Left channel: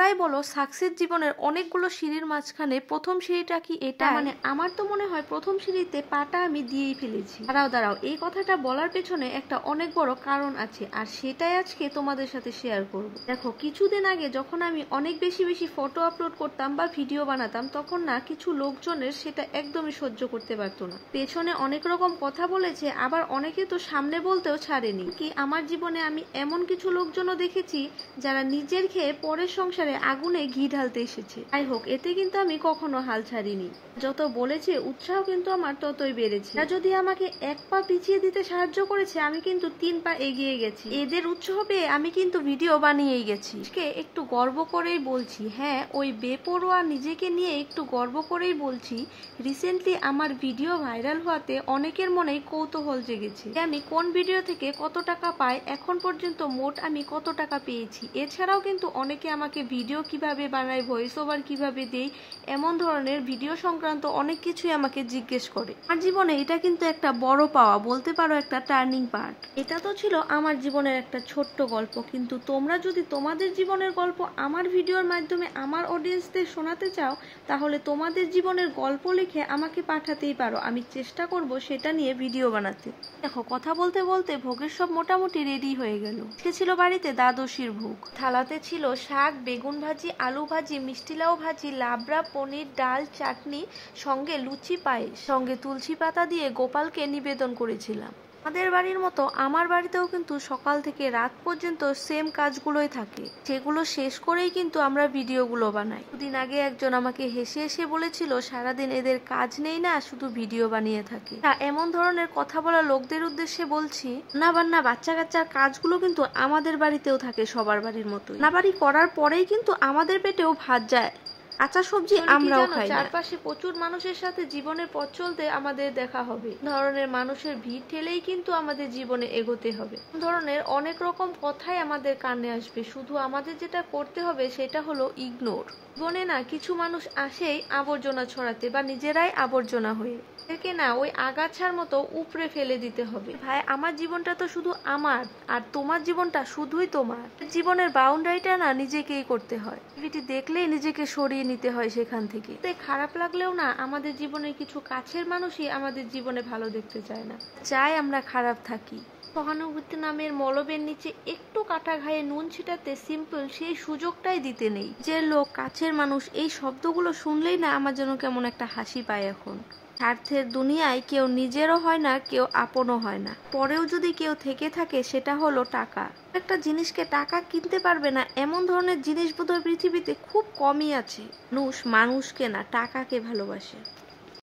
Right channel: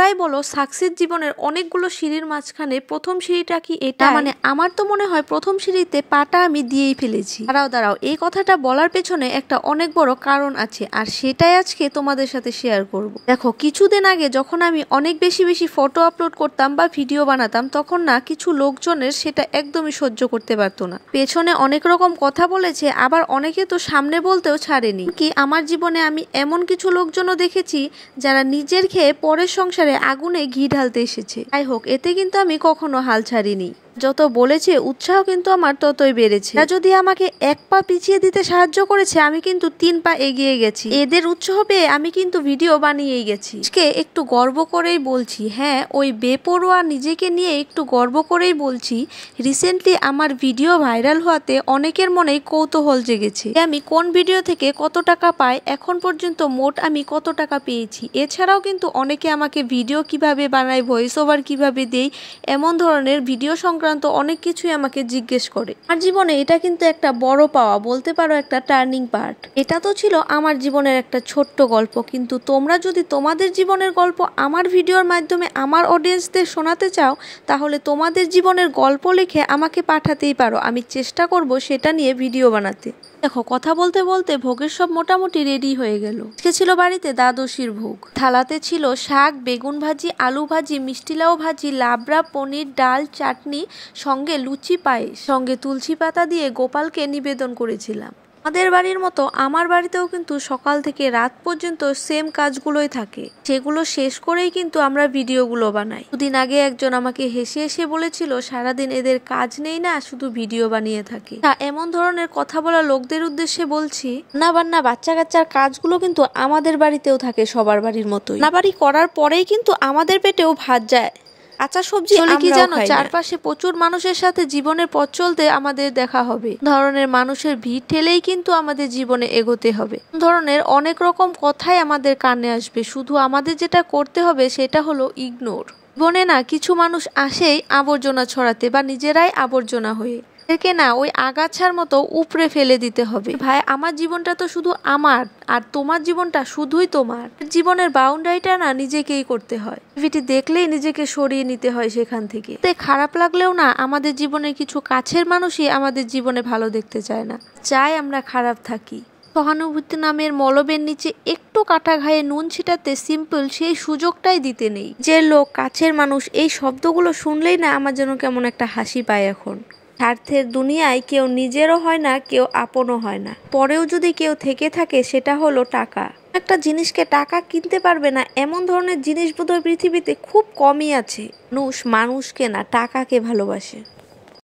তোমরাই বলো সাকসেস জীবনের অনেকগুলো সিঁড়ির মাঝখানে প্রথম সিঁড়িটা কি এটা? মানে আমার তো মনে হয় প্রথম সিঁড়িতে পাটা আমি দিয়েই ফেলেছি। দাঁড়াও এই কথাটা বলার পেছনে একটা অনেক বড় কারণ আছে, আর সেটাই আজকে তোমাদের সাথে শেয়ার করব। দেখো, কিছুদিন আগে যখন আমি অনেক বেশি ফটো আপলোড করতাম বা ভিডিও বানাতাম, তখন না কিছু লোকজনের সেটা একদমই সহ্য করতে পারতো না। পেছনে অনেক রকম কথা বলেছে, আবার অনেকে তো সামনে বলতেও ছাড়েনি। কি আমার জীবনে আমি এমন কিছু লোকজনও দেখেছি যারা নিজের খেয়ে পরের সংসারে আগুনে ঘি ঢালতে এসেছে। যাই হোক, এতে কিন্তু আমি কখনো হাল ছাড়িনি। যত বলেছে উৎসাহ কিন্তু আমার ততই বেড়েছে। যদি আমাকে এক পা পিছিয়ে দিতে সাহায্য করেছে, আমি কিন্তু 3 পা এগিয়ে গেছি। এদের উৎসাহ পেয়ে আমি কিন্তু ভিডিও বানিয়েই গেছি। আজকে একটু গর্ব করেই বলছি, হ্যাঁ ওই বেপরোয়া নিজেকে নিয়ে একটু গর্ব করেই বলছি, রিসেন্টলি আমার ভিডিও ভাইরাল হওয়াতে অনেকের মনেই কৌতূহল জেগেছে আমি কোন ভিডিও থেকে কত টাকা পাই, এখন পর্যন্ত মোট আমি কত টাকা পেয়েছি। এছাড়াও কিন্তু অনেকে আমাকে ভিডিও কিভাবে বানাই, ভয়েস ওভার কিভাবে দেই, এমন ধরনের ভিডিও সংক্রান্ত অনেক কিছুই আমাকে জিজ্ঞেস করে। আমার জীবনে এটা কিন্তু একটা বড় পাওয়া, বলতে পারো একটা টার্নিং পার্ট। এটা তো ছিল আমার জীবনের একটা ছোট্ট গল্প, কিন্তু তোমরা যদি তোমাদের জীবনের গল্প আমার ভিডিওর মাধ্যমে আমার অডিয়েন্সদের শোনাতে চাও, তাহলে তোমাদের জীবনের গল্প লিখে আমাকে পাঠাতেই পারো। আমি চেষ্টা করব সেটা নিয়ে ভিডিও বানাতে। দেখো, কথা বলতে বলতে ভোগের সব মোটামুটি রেডি হয়ে গেল। আজকে ছিল বাড়িতে দ্বাদশীর ভোগ। থালাতে ছিল শাক, বেগুন ভাজি, আলু ভাজি, মিষ্টি লাউ ভাজি, লাবড়া, পনির, ডাল, চাটনি, সঙ্গে লুচি, পায়েস, সঙ্গে তুলসী পাতা দিয়ে গোপালকে নিবেদন করেছিলাম। আমাদের বাড়ির মতো আমার বাড়িতেও কিন্তু সকাল থেকে রাত পর্যন্ত সেম কাজগুলোই থাকে। সেগুলো শেষ করেই কিন্তু আমরা ভিডিওগুলো বানাই। দুদিন আগে একজন আমাকে হেসে হেসে বলেছিল, সারাদিন এদের কাজ নেই না, শুধু ভিডিও বানিয়ে থাকে। এমন ধরনের কথা বলা লোকদের উদ্দেশ্যে বলছি, বান্না বাচ্চা কাচ্চার কাজগুলো কিন্তু আমাদের বাড়িতেও থাকে সবার বাড়ির মতোই। রান্নাবাড়ি করার পরেই কিন্তু আমাদের পেটেও ভাত যায়। কাঁচা সবজি কি জানো, চারপাশে প্রচুর মানুষের সাথে জীবনের পথ চলতে আমাদের দেখা হবে। ধরনের মানুষের ভিড় ঠেলেই কিন্তু আমাদের জীবনে এগোতে হবে। ধরনের অনেক রকম কথাই আমাদের কানে আসবে, শুধু আমাদের যেটা করতে হবে সেটা হলো ইগনোর। জীবনে না কিছু মানুষ আসেই আবর্জনা ছড়াতে, বা নিজেরাই আবর্জনা হয়ে। একে না ওই আগাছার মতো উপড়ে ফেলে দিতে হবে। ভাই, আমার জীবনটা তো শুধু আমার, আর তোমার জীবনটা শুধুই তোমার। জীবনের বাউন্ডারিটা না নিজেকেই করতে হয়। টিভিটি দেখলেই নিজেকে সরিয়ে নিতে হয় সেখান থেকে। তাই খারাপ লাগলেও না, আমাদের জীবনের কিছু কাছের মানুষই আমাদের জীবনে ভালো দেখতে চায় না, চাই আমরা খারাপ থাকি। সহানুভূতি নামের মলবের নিচে একটু কাটা ঘায়ে নুন ছিটাতে সিম্পল সেই সুযোগটাই দিতে নেই। যে লোক, কাছের মানুষ, এই শব্দগুলো শুনলেই না আমার যেন কেমন একটা হাসি পায়। এখন স্বার্থের দুনিয়ায় কেউ নিজেরও হয় না, কেউ আপনও হয় না। পরেও যদি কেউ থেকে থাকে, সেটা হলো টাকা। একটা জিনিসকে টাকা কিনতে পারবে না, এমন ধরনের জিনিস বোধহয় পৃথিবীতে খুব কমই আছে। মানুষকে না টাকাকে ভালোবাসে।